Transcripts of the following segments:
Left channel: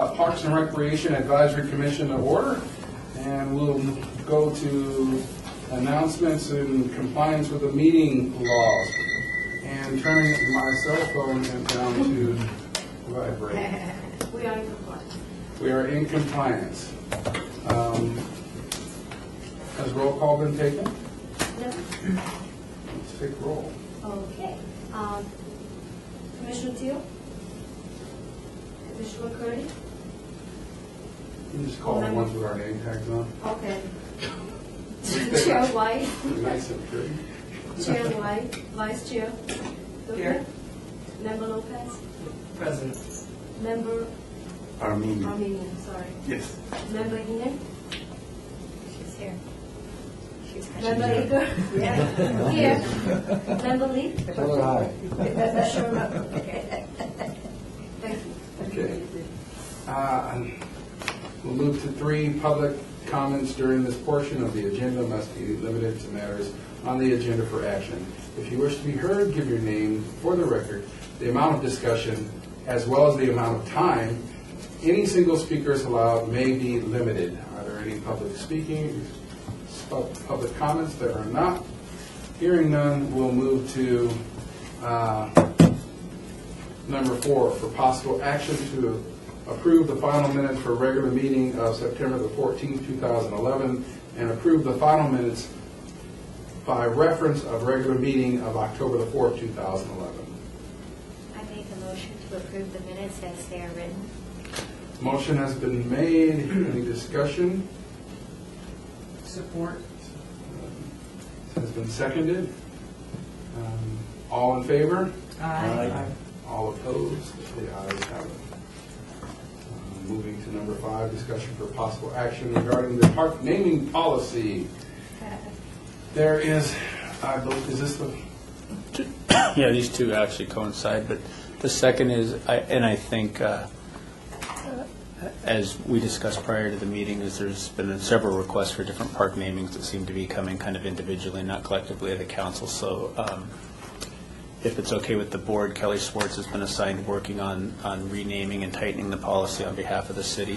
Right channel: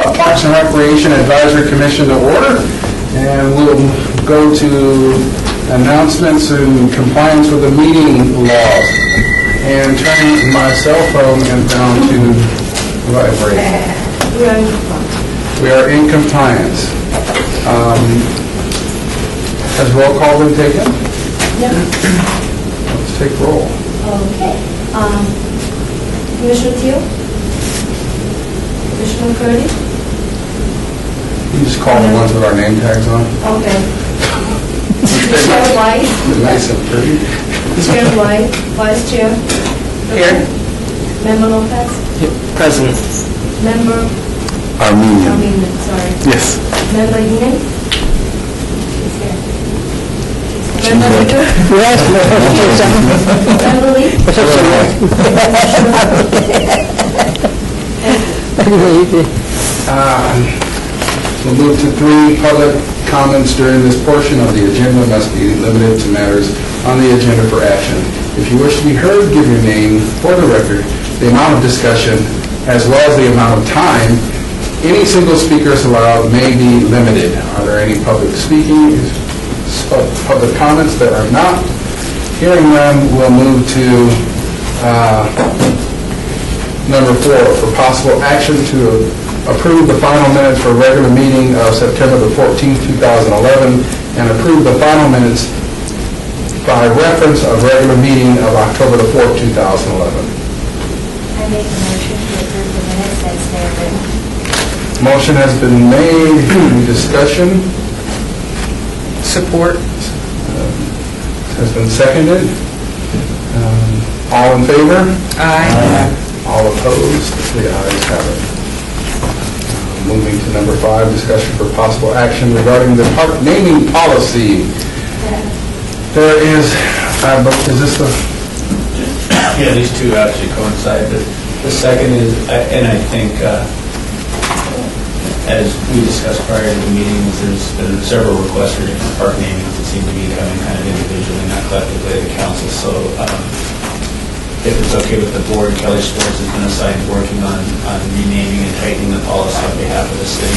Parks and Recreation Advisory Commission to order, and we'll go to announcements in compliance with the meeting laws. And turning my cell phone and down to vibrate. We are in compliance. Has roll call been taken? Yep. Let's take roll. Okay. Commissioner Teal? Commissioner McCurdy? You just call the ones with our name tags on. Okay. Chair White? Nice and pretty. Chair White? Vice Chair? Here. Member Lopez? Present. Member Armenian. sorry. Yes. Member Heaney? She's here. Member Leader? Member Lee? We'll move to 3 public comments during this portion of the agenda must be limited to matters on the agenda for action. If you wish to be heard, give your name for the record, the amount of discussion, as well as the amount of time any single speaker is allowed may be limited. Are there any public public comments? That are not. Hearing none, we'll move to number 4, for possible action to approve the final minutes for regular meeting of September the 14th, 2011, and approve the final minutes by reference of regular meeting of October the 4th, 2011. I make a motion to approve the minutes as they are written. Motion has been made. Any discussion? Support. Has been seconded. All in favor? Aye. All opposed? The ayes have it. Moving to number 5, discussion for possible action regarding the park naming policy. There is this the... Yeah, these two actually coincide, but the second is, and I think, as we discussed prior to the meetings, there's been several requests for different park namings that seem to be coming kind of individually, not collectively to the council. So if it's okay with the board, Kelly Sports has been assigned working on renaming and tightening the policy on behalf of the city.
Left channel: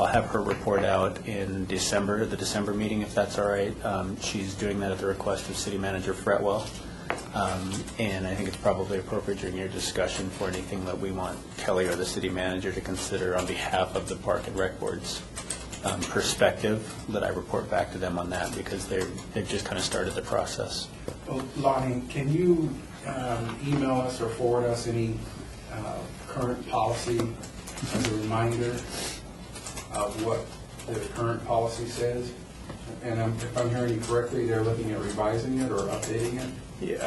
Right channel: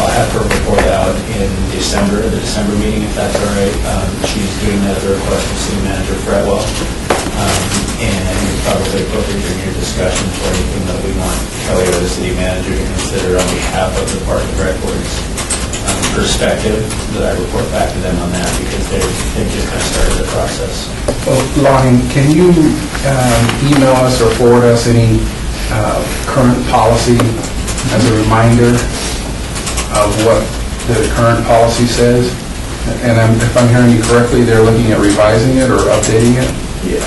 I'll have her report out in December, the December meeting, if that's all right. She's doing that at the request of City Manager Fretwell. And I think it's probably appropriate in your discussion for anything that we want Kelly or the city manager to consider on behalf of the Park and Rec Board's perspective, that I report back to them on that, because they've just kind of started the process. Well, Lonnie, can you email us or forward us any current policy as a reminder of what the current policy says? And if I'm hearing you correctly, they're looking at revising it or updating it? Yeah,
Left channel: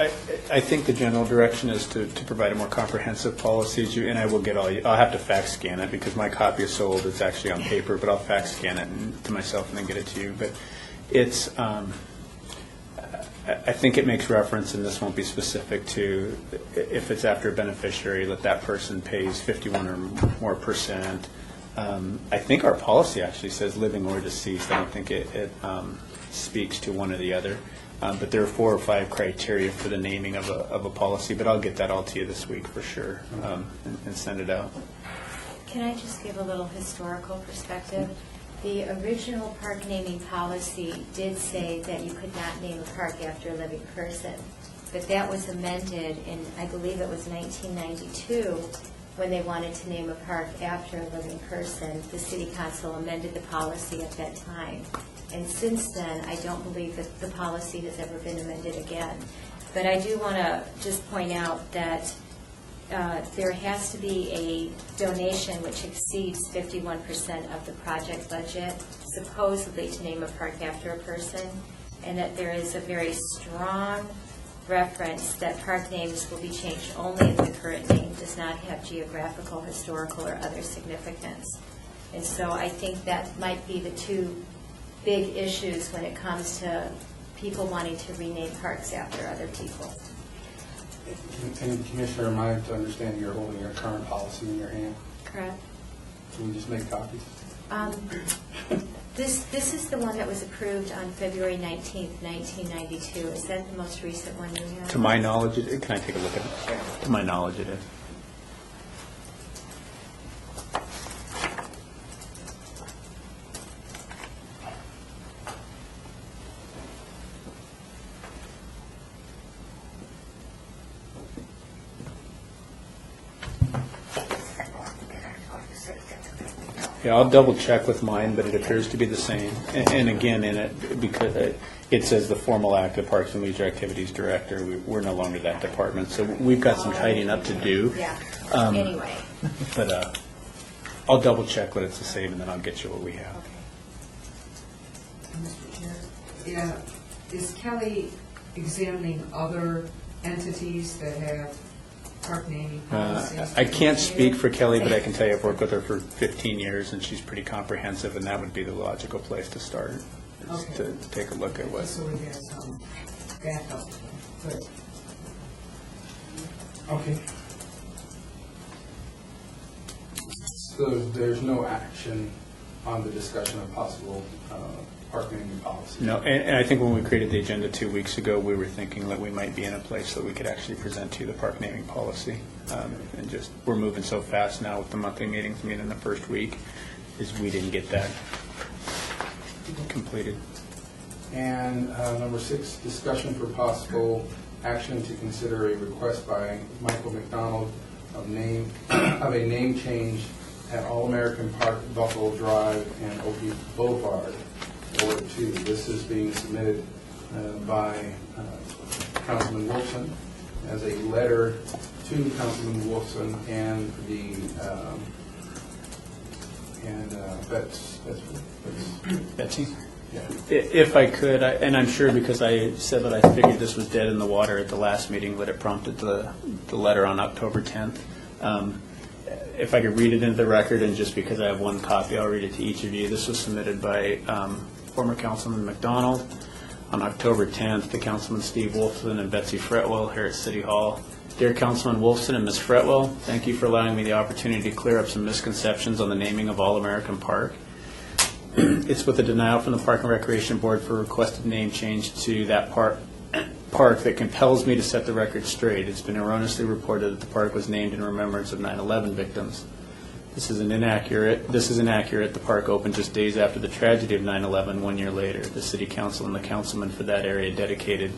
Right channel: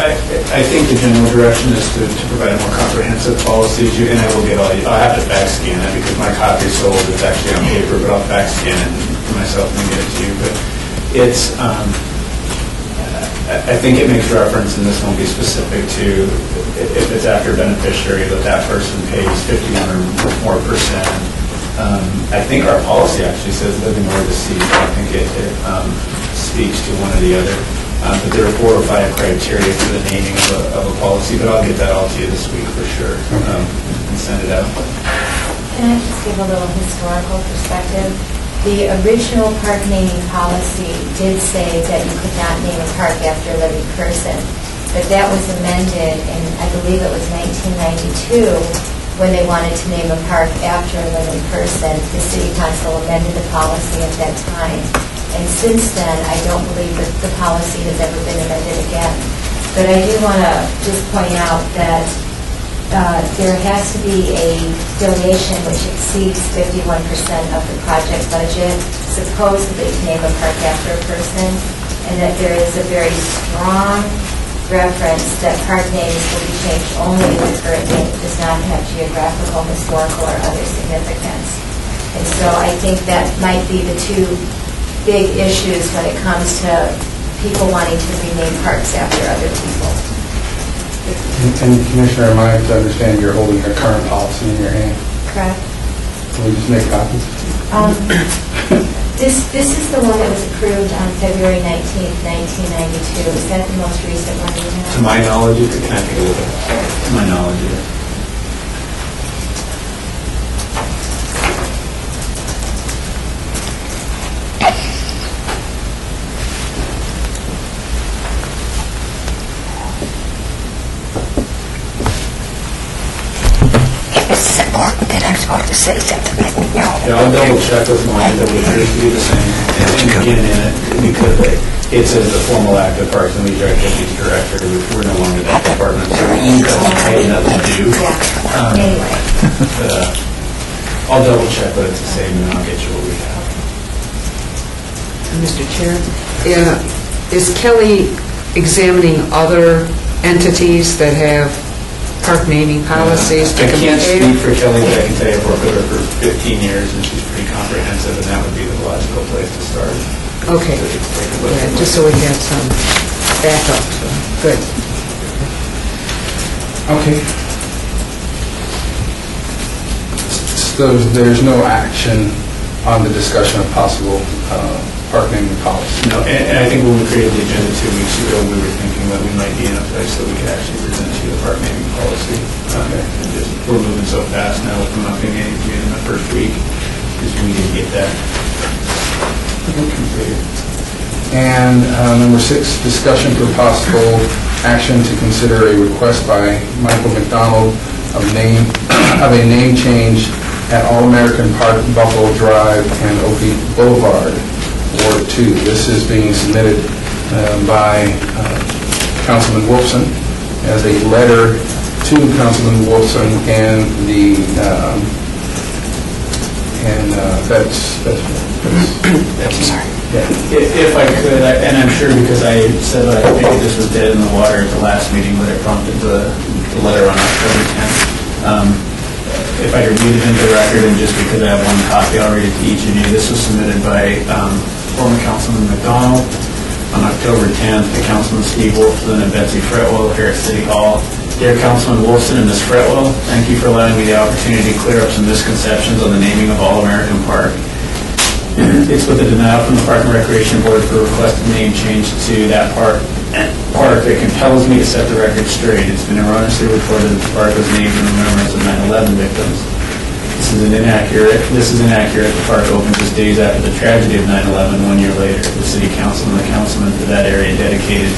I think the general direction is to provide a more comprehensive policy, and I will get I'll have to fax scan it because my copy is so old, it's actually on paper, but I'll fax scan it myself and get it to you. But it's, I think it makes reference, and this won't be specific to, if it's after a beneficiary, that person pays 51 or more percent. I think our policy actually says living or deceased. I think it speaks to one or the other. But there are 4 or 5 criteria for the naming of a policy, but I'll get that all to you this week for sure, and send it out. Can I just give a little historical perspective? The original park naming policy did say that you could not name a park after a living person, but that was amended in, I believe it was 1992, when they wanted to name a park after a living person. The city council amended the policy at that time. And since then, I don't believe that the policy has ever been amended again. But I do want to just point out that there has to be a donation which exceeds 51% of the project budget, supposedly to name a park after a person, and that there is a very strong reference that park names will be changed only if the current name does not have geographical, historical, or other significance. And so I think that might be the 2 big issues when it comes to people wanting to rename parks after other people. And Commissioner, am I to understand you're holding your current policy in your hand? Correct. Will you just make copies? This is the one that was approved on February 19th, 1992. Is that the most recent one you have? To my knowledge, can I take a look at it? To my knowledge, Yeah, I'll double check with mine, that we appears to be the same. And again, in it, because it says the formal act of Parks and Leisure Activities Director, we're no longer that department, so we got enough to do. Yeah, anyway. But, I'll double check, but it's the same, and I'll get you what we have. Mr. Chair, is Kelly examining other entities that have park naming policies to I can't speak compare? for Kelly, but I can tell you I've worked with her for 15 years, and she's pretty comprehensive, and that would be the logical place to start. Okay, To take a look yeah, at just so we have some backup, so, good. Okay. So there's no action on the discussion of possible park naming policy? No, and I think when we created the agenda 2 weeks ago, we were thinking that we might be in a place that we could actually present to you the park naming policy. And just, we're moving so fast now with them not being able to meet in the first week, because we didn't get that completed. And number 6, discussion for possible action to consider a request by Michael McDonald of a name change at All-American Park, Buffalo Drive, and Oak Boulevard, Ward 2. This is being submitted by Councilman Wolfson as a letter to Councilman Wolfson and the Sorry. If I could, and I'm sure because I said that I figured this was dead in the water at the last meeting, but it prompted the letter on October 10th. If I could read it into the record, and just because I have one copy, I'll read it to each of you. This was submitted by former Councilman McDonald on October 10th to Councilman Steve Wolfson and Betsy Fretwell here at City Hall. Dear Councilman Wolfson and Ms. Fretwell, thank you for allowing me the opportunity to clear up some misconceptions on the naming of All-American Park. It's with the denial from the Park and Recreation Board for requested name change to that park that compels me to set the record straight. It's been erroneously reported that the park was named in remembrance of 9/11 victims. This is inaccurate. The park opened just days after the tragedy of 9/11, 1 year later. The City Council and the councilman for that area dedicated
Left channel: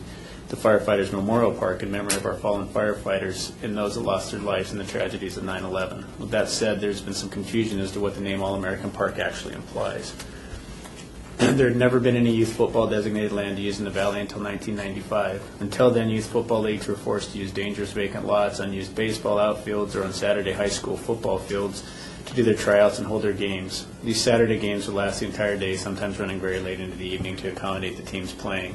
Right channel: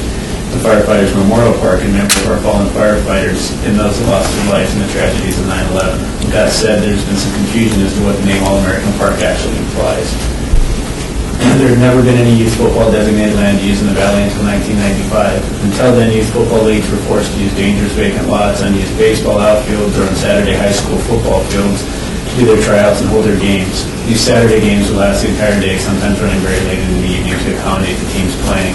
the Firefighters Memorial Park in memory of our fallen firefighters and those who lost their lives in the tragedies of 9/11. With that said, there's been some confusion as to what the name All-American Park actually implies. There had never been any youth football designated land used in the valley until 1995. Until then, youth football leagues were forced to use dangerous vacant lots, unused baseball outfields, or on Saturday high school football fields to do their tryouts and hold their games. These Saturday games would last the entire day, sometimes running very late into the evening to accommodate the teams playing.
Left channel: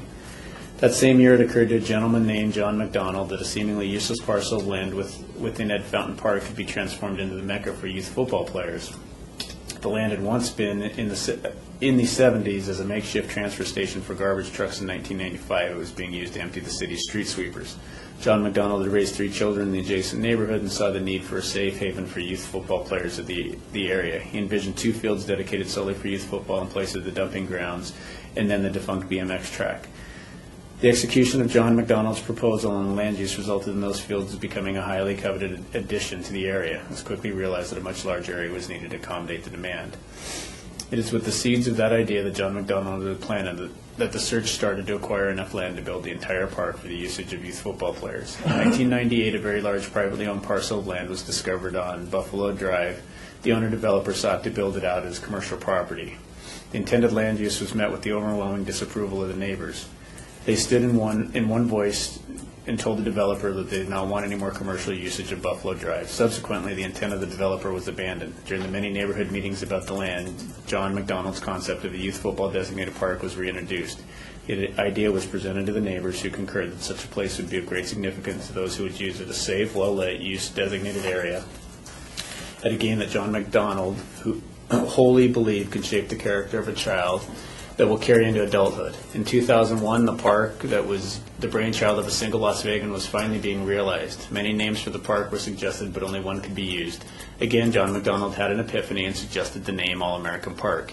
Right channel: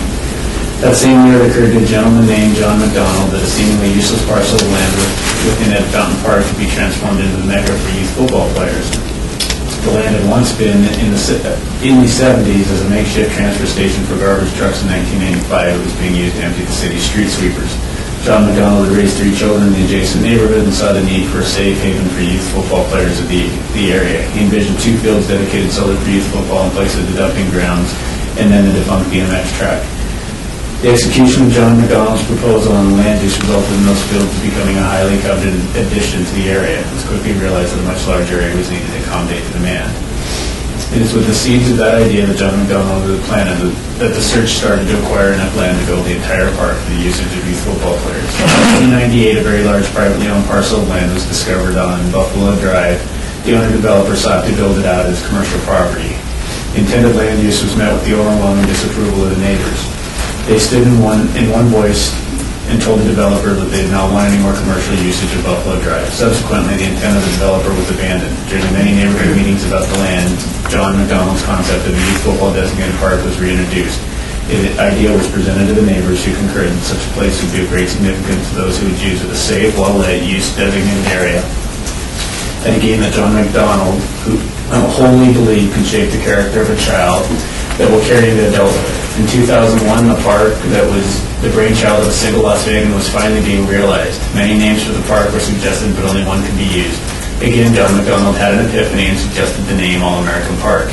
That same year, it occurred to a gentleman named John McDonald that a seemingly useless parcel of land within Ed Fountain Park could be transformed into the mecca for youth football players. The land had once been, in the 70s, as a makeshift transfer station for garbage trucks. In 1985, it was being used to empty the city's street sweepers. John McDonald had raised 3 children in the adjacent neighborhood and saw the need for a safe haven for youth football players of the area. He envisioned 2 fields dedicated solely for youth football in place of the dumping grounds and then the defunct BMX track. The execution of John McDonald's proposal on the land use resulted in those fields becoming a highly coveted addition to the area. It was quickly realized that a much larger area was needed to accommodate the demand. It is with the seeds of that idea that John McDonald had planned that the search started to acquire enough land to build the entire park for the usage of youth football players. In 1998, a very large privately owned parcel of land was discovered on Buffalo Drive. The owner-developer sought to build it out as commercial property. The intended land use was met with the overwhelming disapproval of the neighbors. They stood in one voice and told the developer that they did not want any more commercial usage of Buffalo Drive. Subsequently, the intent of the developer was abandoned. During the many neighborhood meetings about the land, John McDonald's concept of a youth football designated park was reintroduced. The idea was presented to the neighbors who concurred that such a place would be of great significance to those who would use it a safe, well-lit, use-designated area at a game that John McDonald, who wholly believed could shape the character of a child that will carry into adulthood. In 2001, the park that was the brainchild of a single Las Vegan was finally being realized. Many names for the park were suggested, but only one could be used. Again, John McDonald had an epiphany and suggested the name All-American Park.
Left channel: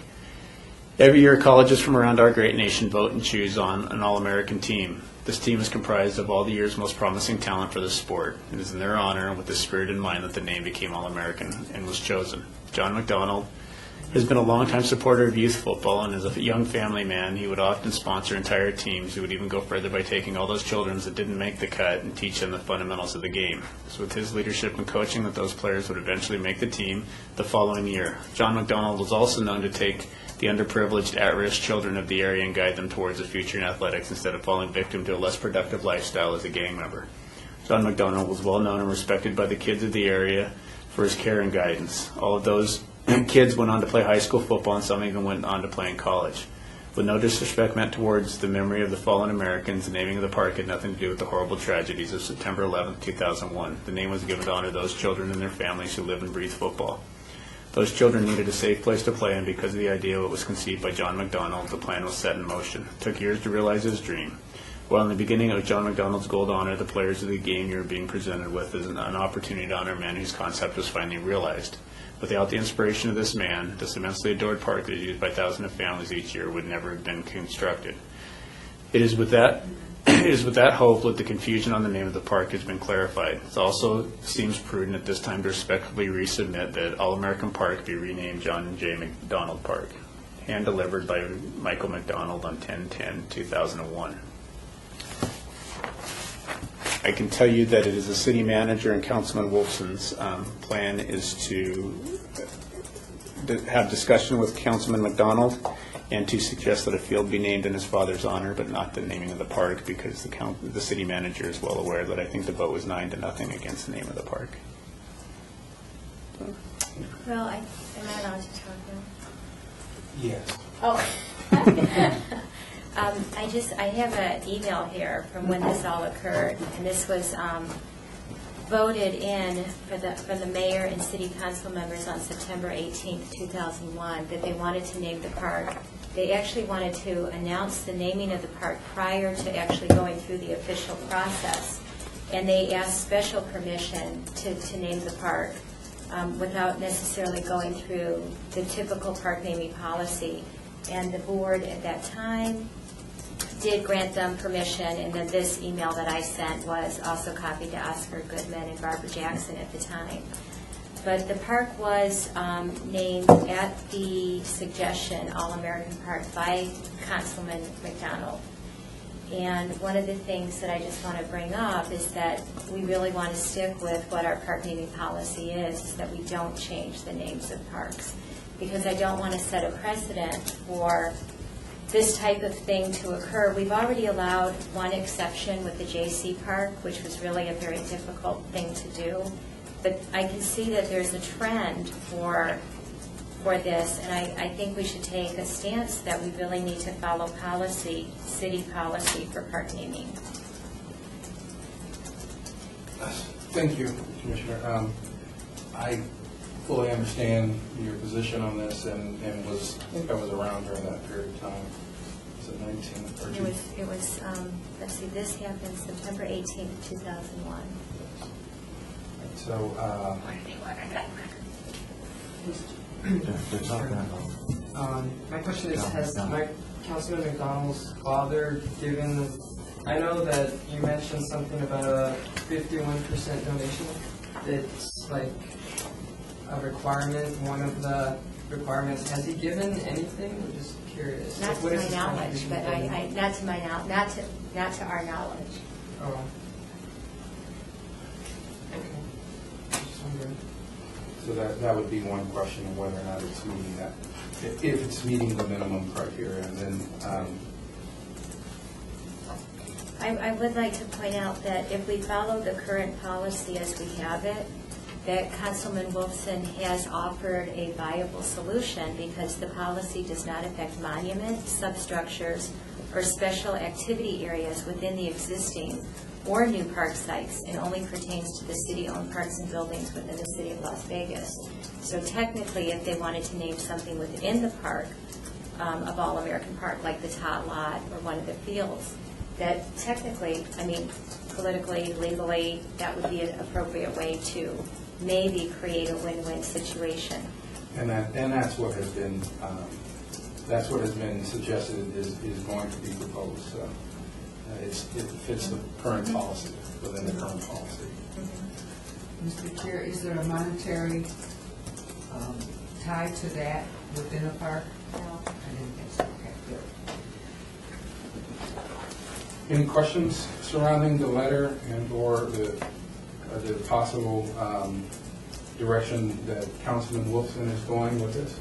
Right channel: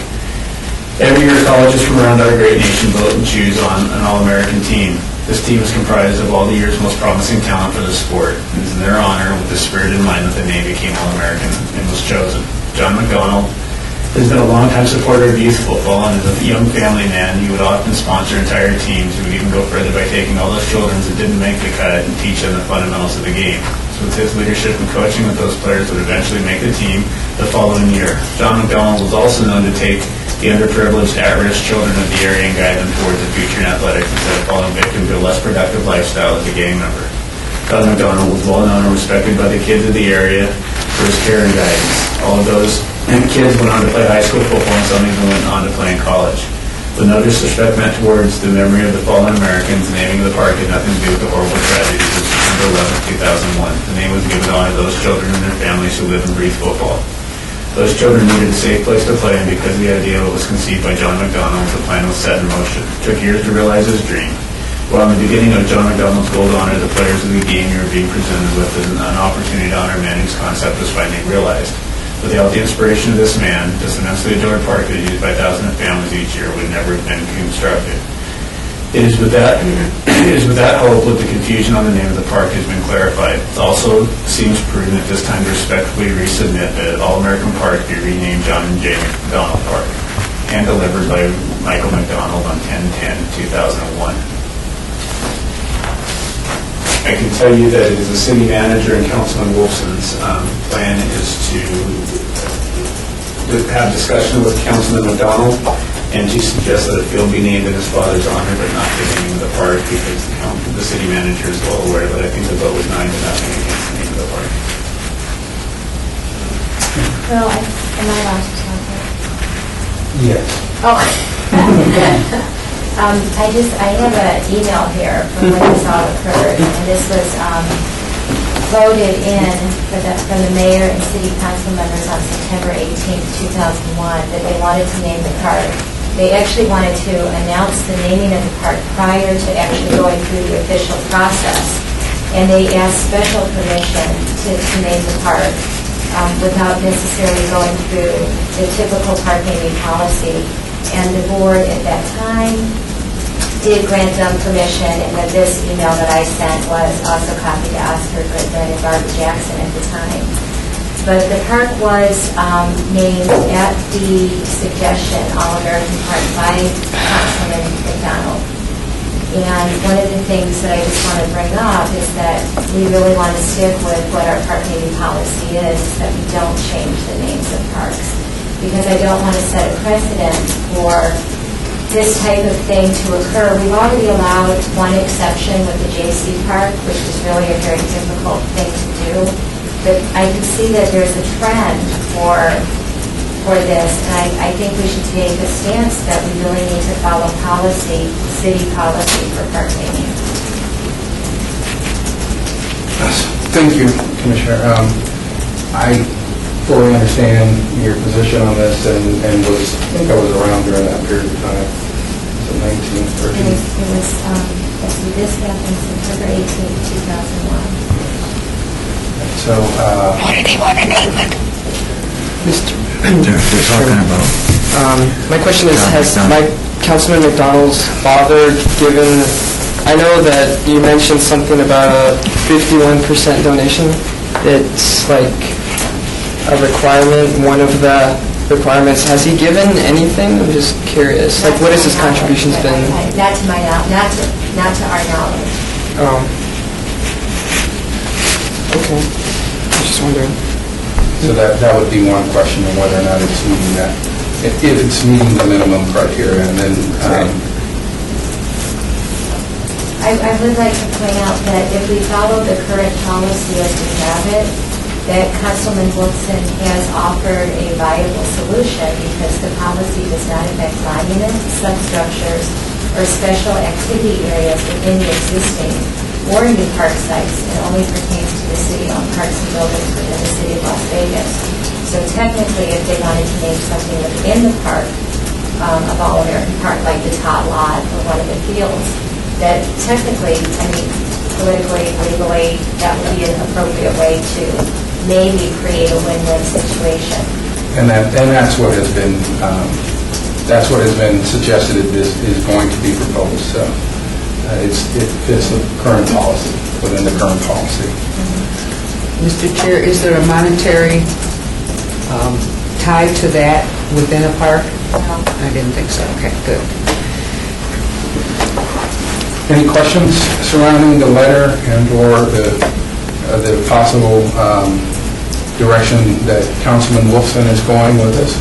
Every year, colleges from around our great nation vote and choose on an All-American team. This team is comprised of all the year's most promising talent for the sport. It is in their honor, with the spirit in mind, that the name became All-American and was chosen. John McDonald has been a longtime supporter of youth football, and as a young family man, he would often sponsor entire teams. He would even go further by taking all those children that didn't make the cut and teach them the fundamentals of the game. With his leadership and coaching with those players would eventually make the team the following year. John McDonald was also known to take the underprivileged, at-risk children of the area and guide them towards a future in athletics instead of falling victim to a less productive lifestyle as a gang member. John McDonald was well known and respected by the kids of the area for his care and guidance. All of those kids went on to play high school football, and some even went on to play in college. With no disrespect meant towards the memory of the fallen Americans, the naming of the park had nothing to do with the horrible tragedies of September 11, 2001. The name was given on to those children and their families who live and breathe football. Those children needed a safe place to play, and because the idea was conceived by John McDonald, the plan was set in motion. It took years to realize his dream. While in the beginning of John McDonald's goal to honor the players of the game, you were being presented with an opportunity to honor a man whose concept was finally realized. Without the inspiration of this man, this immensely adored park that is used by thousands of families each year would never have been constructed. It is with that hope that the confusion on the name of the park has been clarified. It also seems prudent at this time to respectfully resubmit that All-American Park be renamed John and J. McDonald Park, and delivered by Michael McDonald on 10/10/2001. I can tell you that it is the city manager and Councilman Wolfson's plan is to have discussion with Councilman McDonald and to suggest that a field be named in his father's honor, but not the name of the park, because the city manager is well aware that I think the vote was 9-0 against the name of the park. Well, am I allowed to talk here? Yes. Oh. I have an email here from when this all occurred, and this was voted in from the mayor and city council members on September 18th, 2001, that they wanted to name the park. They actually wanted to announce the naming of the park prior to actually going through the official process, and they asked special permission to name the park without necessarily going through the typical park naming policy. And the board at that time did grant them permission, and then this email that I sent was also copied to Oscar Goodman and Barbara Jackson at the time. But the park was named at the suggestion, All-American Park, by Councilman McDonald. And one of the things that I just want to bring up is that we really want to stick with what our park naming policy is, that we don't change the names of parks. Because I don't want to set a precedent for this type of thing to occur. We've already allowed one exception with the JC Park, which is really a very difficult thing to do. But I can see that there's a trend for this, and I think we should take a stance that we really need to follow policy, city policy for park naming. Thank you, Commissioner. I fully understand your position on this, and I think I was around during that period of time, so 19, 13. Let's see, this happened September 18th, 2001. So, What do they want to name it? They're talking about. My question is, has John Councilman McDonald's father given, I know that you mentioned something about a 51% donation. It's like a requirement, one of the requirements. Has he given anything? I'm just curious. Like, what has his contributions been? Not to my knowledge, not to our knowledge. Okay. I was just wondering. so that would be one question of whether or not it's meeting that, if it's meeting the minimum criteria, and then, I would like to point out that if we follow the current policy as we have it, that Councilman Wilson has offered a viable solution because the policy does not affect monuments, substructures, or special activity areas within the existing or new park sites. It only pertains to the city-owned parks and buildings within the city of Las Vegas. So technically, if they wanted to name something within the park, of All-American Park, like the top lot or one of the fields, that technically, I mean, politically, legally, that would be an appropriate way to maybe create a win-win situation. and that's what has been, suggested is going to be proposed, so it fits the current policy, within the current policy. Mr. Chair, is there a monetary tie to that within a park? No. I didn't think so. Okay, good. Any questions surrounding the letter and/or the the possible direction that Councilman Wolfson is going with this?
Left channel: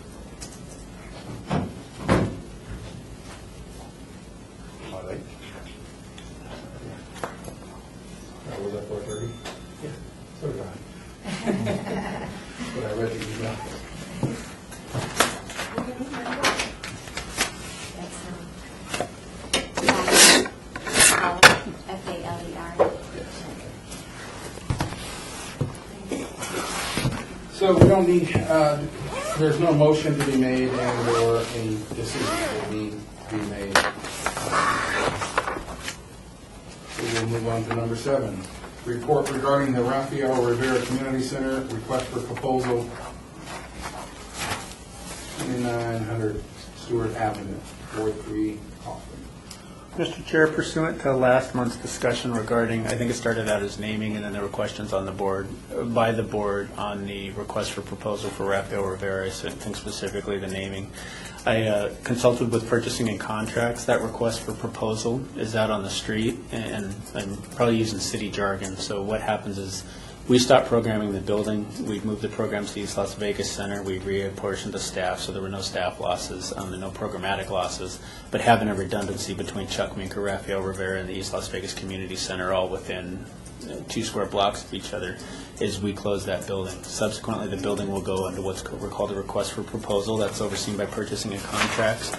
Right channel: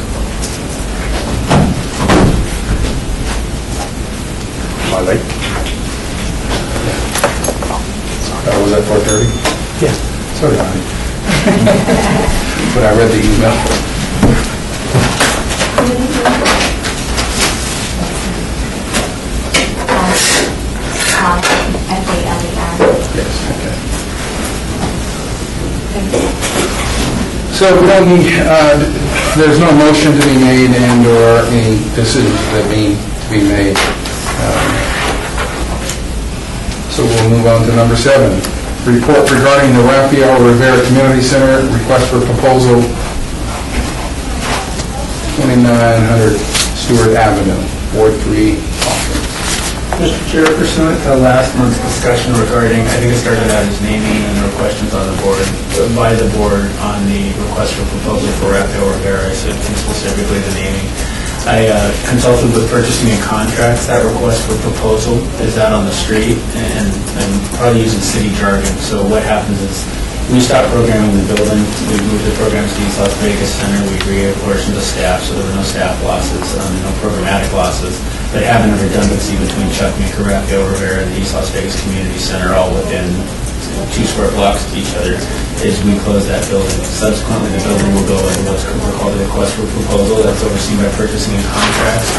I like. That was at 4:30? Yeah. So did I. But I read the email. FALER. Yes, okay. So we don't need, there's no motion to be made and/or any decisions that need to be made. So we'll move on to number 7. Report regarding the Rafael Rivera Community Center, request for proposal, 2900 Stewart Avenue, Ward 3, Austin. Mr. Chair, pursuant to last month's discussion regarding, I think it started out as naming, and there were questions on the board, by the board on the request for proposal for Rafael Rivera, I said specifically the naming. I consulted with purchasing and contracts. That request for proposal is out on the street, and I'm probably using city jargon. So what happens is we stopped programming the building. We moved the programs to East Las Vegas Center. We reapportioned the staff, so there were no staff losses, no programmatic losses. But having a redundancy between Chuck Meeker, Rafael Rivera, and the East Las Vegas Community Center, all within 2 square blocks of each other, is we close that building. Subsequently, the building will go in what's called a request for proposal. That's overseen by purchasing and contracts.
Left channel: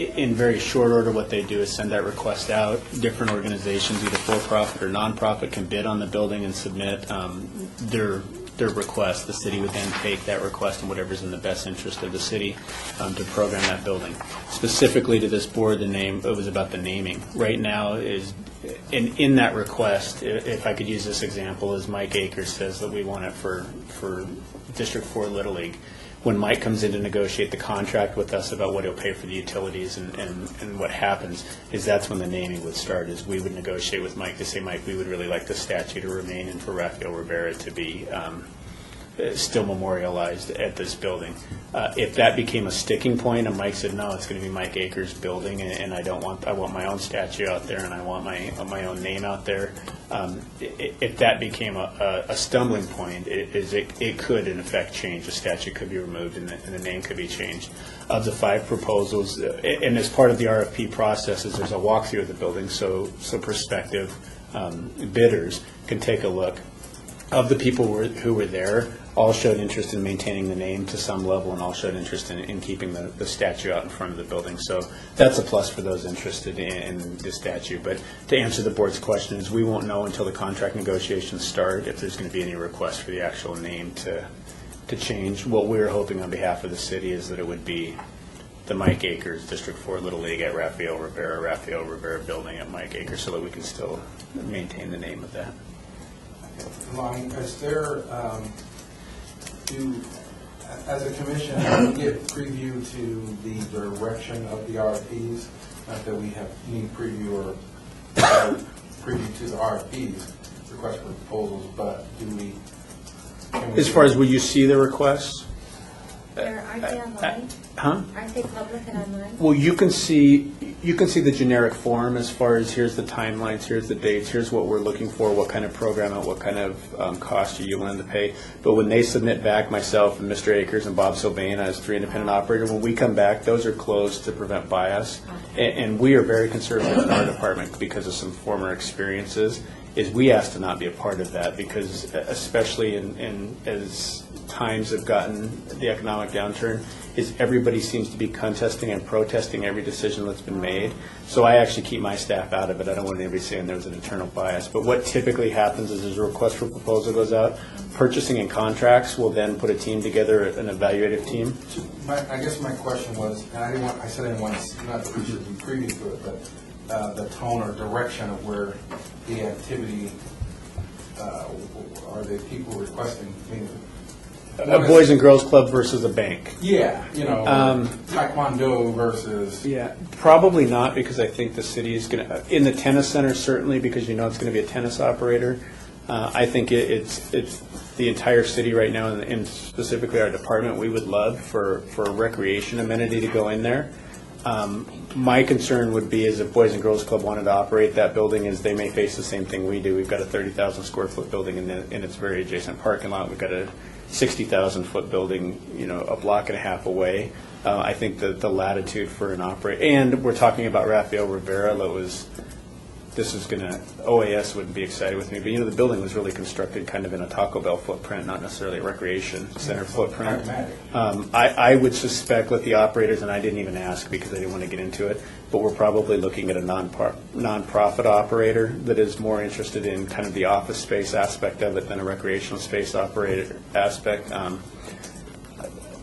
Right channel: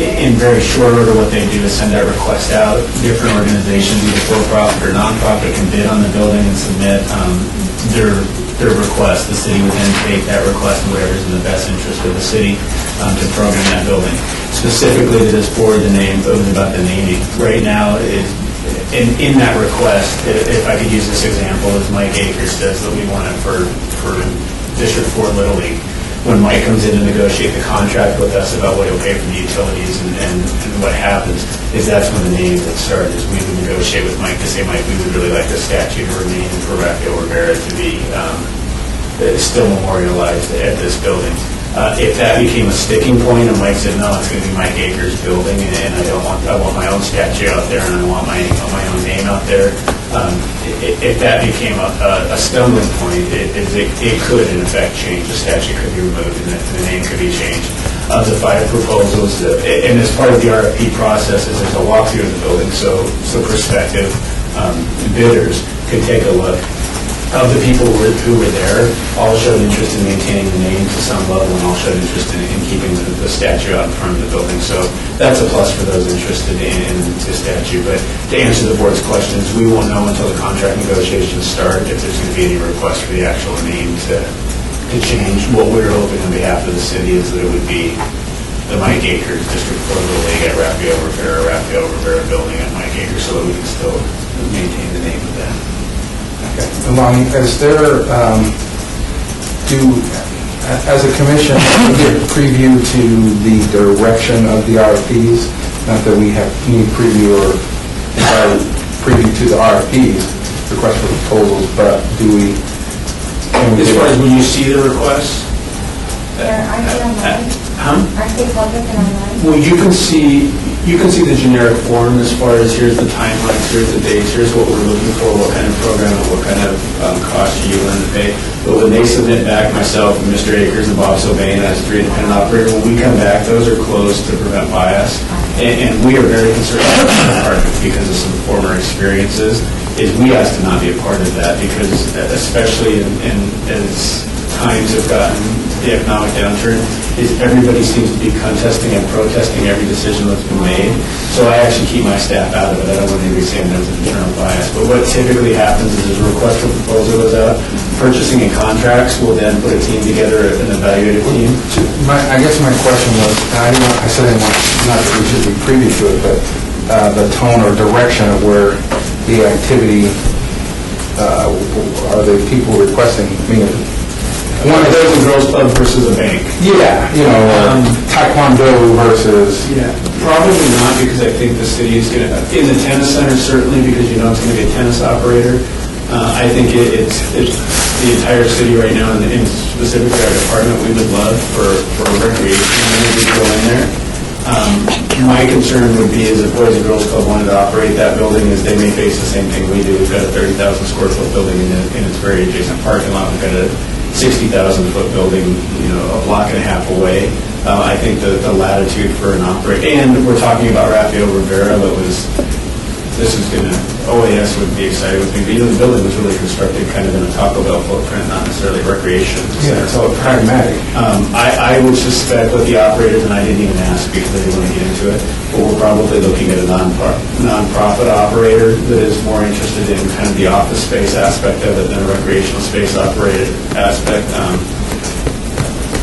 In very short order, what they do is send that request out. Different organizations, either for-profit or non-profit, can bid on the building and submit their request. The city would then take that request and whatever's in the best interest of the city to program that building. Specifically to this board, the name, it was about the naming. Right now, in that request, if I could use this example, as Mike Akers says that we want it for District 4 Little League. When Mike comes in to negotiate the contract with us about what he'll pay for the utilities and what happens, is that's when the naming would start, is we would negotiate with Mike to say, Mike, we would really like the statue to remain and for Rafael Rivera to be still memorialized at this building. If that became a sticking point and Mike said, no, it's going to be Mike Akers' building and I want my own statue out there and I want my own name out there, if that became a stumbling point, it could in effect change. The statue could be removed and the name could be changed. Of the 5 proposals, and as part of the RFP process, is there's a walkthrough of the building, so prospective bidders can take a look. Of the people who were there, all showed interest in maintaining the name to some level, and all showed interest in keeping the statue out in front of the building. So that's a plus for those interested in the statue. But to answer the board's questions, we won't know until the contract negotiations start if there's going to be any request for the actual name to change. What we're hoping on behalf of the city is that it would be the Mike Akers District 4 Little League at Rafael Rivera building at Mike Akers, so that we can still maintain the name of that. Along, is there, as a commission, we get preview to the direction of the RFPs? Not that we have any preview or preview to the RFPs, request for proposals, but do we? As far as when you see the requests? Aren't they online? Aren't they public and online? Well, you can see the generic form as far as here's the timelines, here's the dates, here's what we're looking for, what kind of program, and what kind of cost are you willing to pay. But when they submit back, myself and Mr. Akers and Bob Sylvain as 3 independent operators, when we come back, those are closed to prevent bias. And we are very concerned about that part because of some former experiences, is we ask to not be a part of that because especially as times have gotten the economic downturn, is everybody seems to be contesting and protesting every decision that's been made. So I actually keep my staff out of it. I don't want anybody saying there's an internal bias. But what typically happens is a request for proposal goes out. Purchasing and contracts will then put a team together, an evaluative team. I guess my question was, I said I want, not that we should be privy to it, but the tone or direction of where the activity, are the people requesting, One of those in Girls Club versus a bank. Yeah, Taekwondo versus... Yeah, probably not, because I think the city is going to, in the tennis center, certainly, because it's going to be a tennis operator. I think it's the entire city right now, and specifically our department, we would love for recreation to go in there. My concern would be is if Boys and Girls Club wanted to operate that building, is they may face the same thing we do. We've got a 30,000 square foot building in its very adjacent parking lot. We've got a 60,000 foot building, a block and a half away. I think the latitude for an and we're talking about Rafael Rivera, this is going to, OAS would be excited with me. The building was really constructed kind of in a Taco Bell footprint, not necessarily recreation. Yeah, it's all pragmatic. I would suspect with the operators, and I didn't even ask because I didn't want to get into it, but we're probably looking at a nonprofit operator that is more interested in kind of the office space aspect of it than a recreational space operated aspect.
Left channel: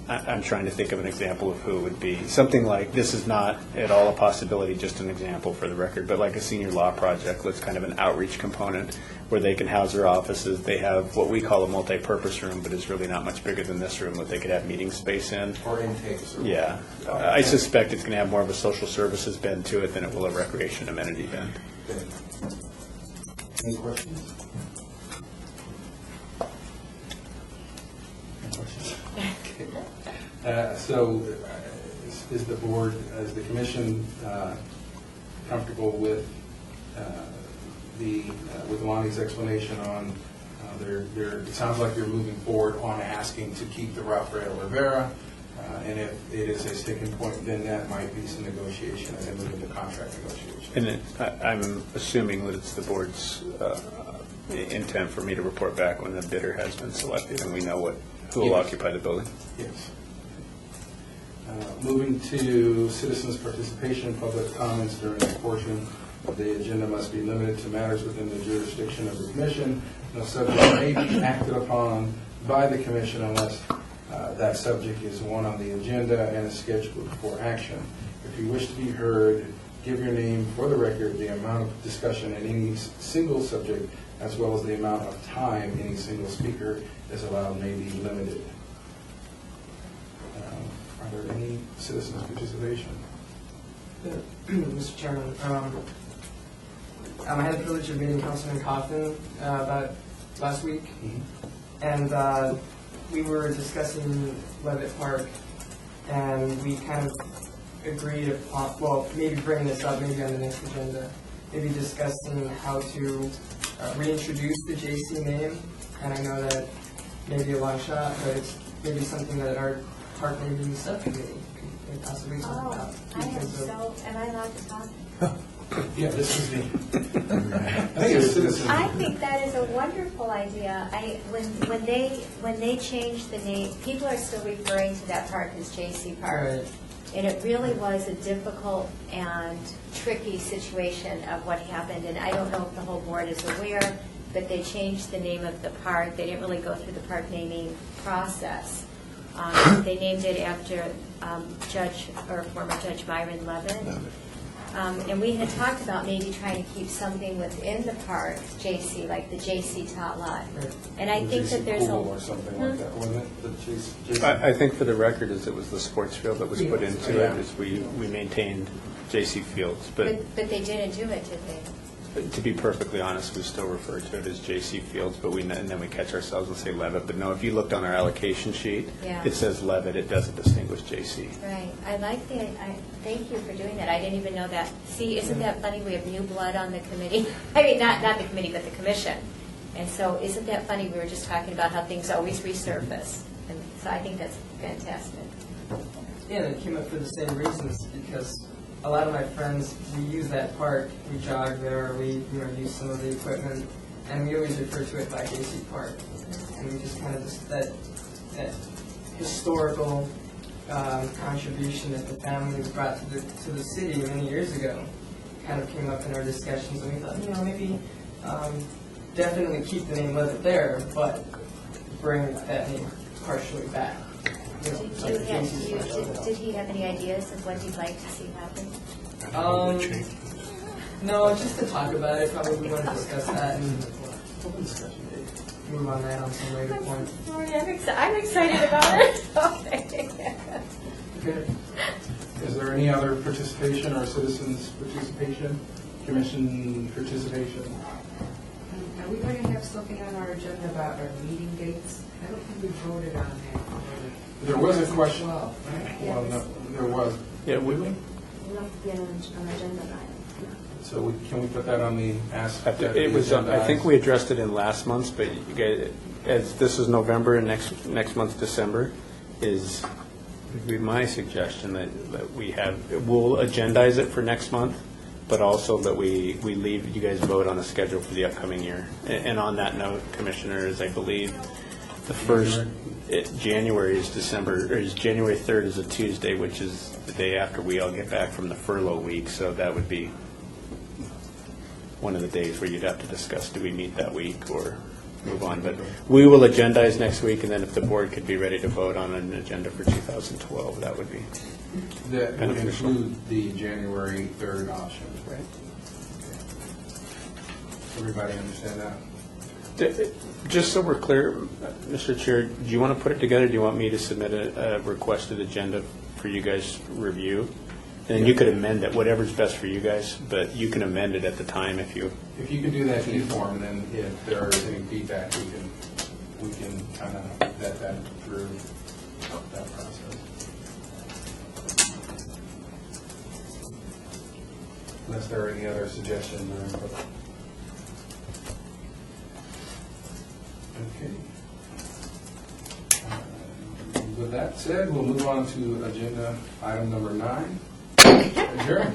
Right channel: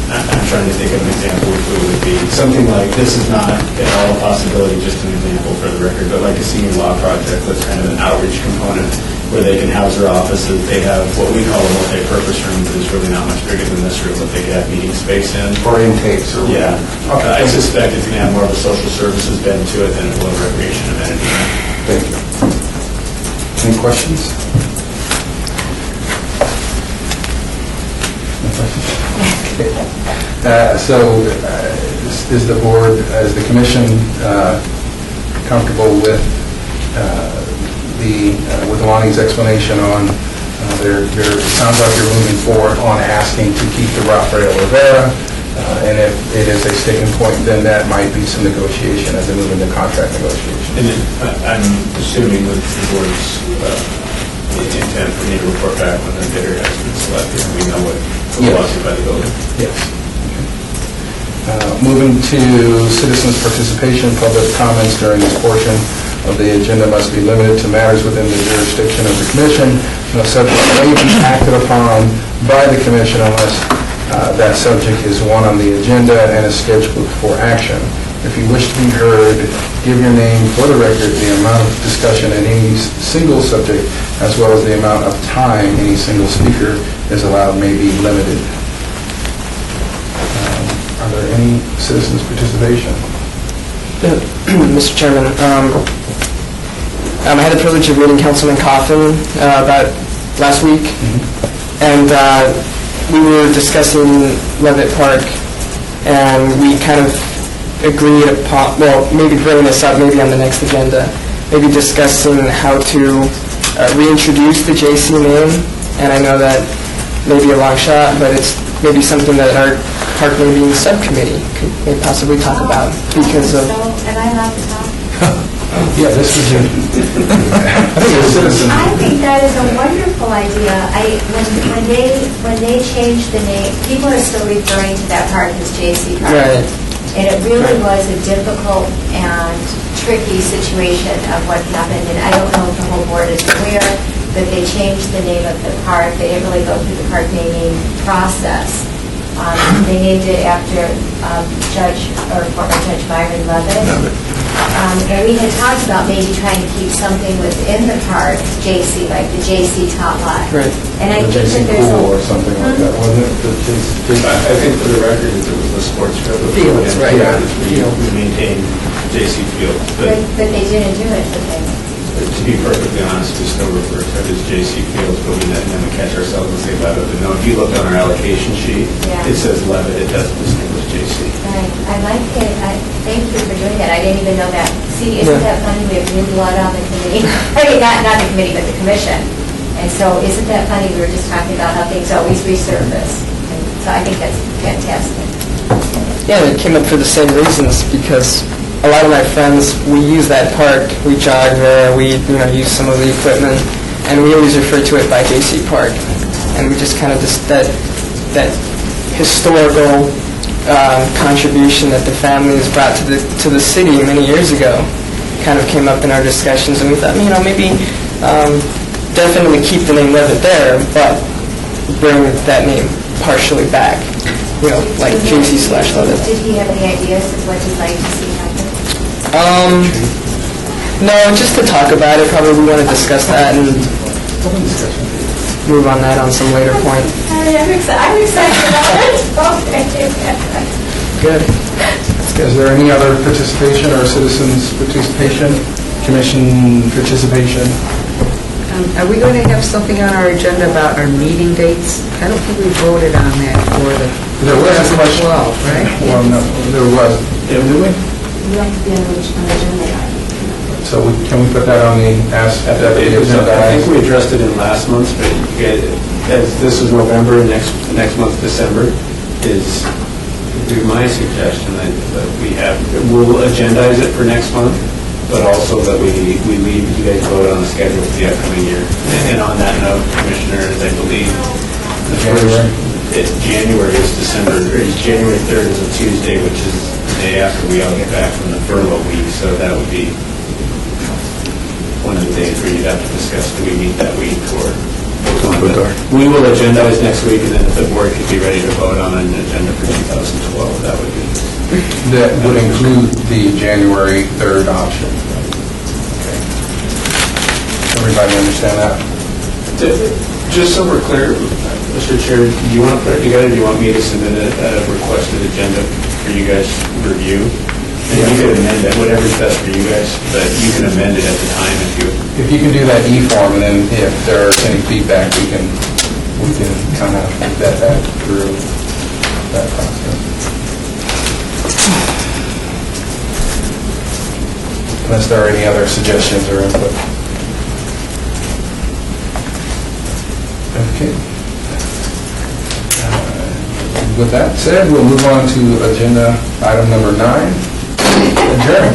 I'm trying to think of an example of who it would be. Something like, this is not at all a possibility, just an example for the record, but like a senior law project with kind of an outreach component where they can house their offices. They have what we call a multi-purpose room, but it's really not much bigger than this room, but they could have meeting space in. For intakes or... Yeah. Okay. I suspect it's going to have more of a social services bend to it than it will a recreation amenity. Thank you. Any questions? No questions? Is the board, is the commission comfortable with with Lonnie's explanation on it sounds like you're moving forward on asking to keep the Rafael Rivera, and if it is a sticking point, then that might be some negotiation as they move into contract negotiation. And then I'm assuming with the board's intent for me to report back when the bidder has been selected and we know what will occupy the building. Yes. Moving to citizens' participation, public comments during this portion of the agenda must be limited to matters within the jurisdiction of the commission. No subject may be acted upon by the commission unless that subject is one on the agenda and is scheduled for action. If you wish to be heard, give your name for the record. The amount of discussion in any single subject, as well as the amount of time any single speaker is allowed, may be limited. Are there any citizens' participation? Mr. Chairman, I had the privilege of meeting Councilman Coffin about last week, and we were discussing Levitt Park, and we kind of agreed upon, well, maybe bringing this up maybe on the next agenda, maybe discussing how to reintroduce the JC name, and I know that may be a long shot, but it's maybe something that our park naming subcommittee may possibly talk about because of... So, am I allowed to talk? Yeah, this is I think a citizen. I think that is a wonderful idea. When they changed the name, people are still referring to that park as JC Park. Right. And it really was a difficult and tricky situation of what happened. And I don't know if the whole board is aware that they changed the name of the park. They didn't really go through the park naming process. They named it after former Judge Byron Levitt. And we had talked about maybe trying to keep something within the park, JC, like the JC Tot Lot. Right. And I The think that JC there's Pool or something like that, wasn't it? I think for the record, it was the sports field. Fields, right. Yeah, we maintain JC Field. But they didn't do it, did they? To be perfectly honest, we still refer to it as JC Fields, but we then we catch ourselves and say Levitt. But no, if you look on our allocation sheet, Yeah. it says Levitt. It doesn't distinguish JC. Right. I like it. Thank you for doing that. I didn't even know that. See, isn't that funny? We have new blood on the committee. I mean, not the committee, but the commission. And so isn't that funny? We were just talking about how things always resurface. And so I think that's fantastic. Yeah, and it came up for the same reasons because a lot of my friends, we use that park, we jog there, we use some of the equipment, and we always refer to it by JC Park. And we just kind of that historical contribution that the families brought to the city many years ago kind of came up in our discussions, and we thought, maybe definitely keep the name Levitt there, but bring that name partially back, like JC/Levitt. Did he have any ideas of what he'd like to see happen? No, just to talk about it. Probably we want to discuss that and move on that on some later point. I'm excited about it. Good. Is there any other participation or citizens' participation, commission participation? Are we going to have something on our agenda about our meeting dates? I don't think we voted on that for the... There was a question. 12, right? Well, no, there was. Yeah, did we? We'd like to be on the agenda item. So can we put that on the, ask that the agenda I think item? we addressed it in last month's, but as this is November, and next month, December, is would be my suggestion that we have, we'll agendize it for next month, but also that we leave, you guys vote on the schedule for the upcoming year. And on that note, Commissioners, I believe the January is December, or January 3rd is a Tuesday, which is the day after we all get back from the furlough week, so that would be one of the days where you'd have to discuss, do we meet that week or? We will agendize next week, and then if the board could be ready to vote on an agenda for 2012, that would be. That would include the January 3rd option. Okay. Everybody understand that? Just so we're clear, Mr. Chair, do you want to put it together, do you want me to submit a requested agenda for you guys to review? And you could amend it, whatever's best for you guys, but you can amend it at the time if you. If you can do that e-form, and then if there's any feedback, we can kind of vet that through that process. Unless there are any other suggestions or input. Okay. With that said, we'll move on to agenda item number 9. Adjourn.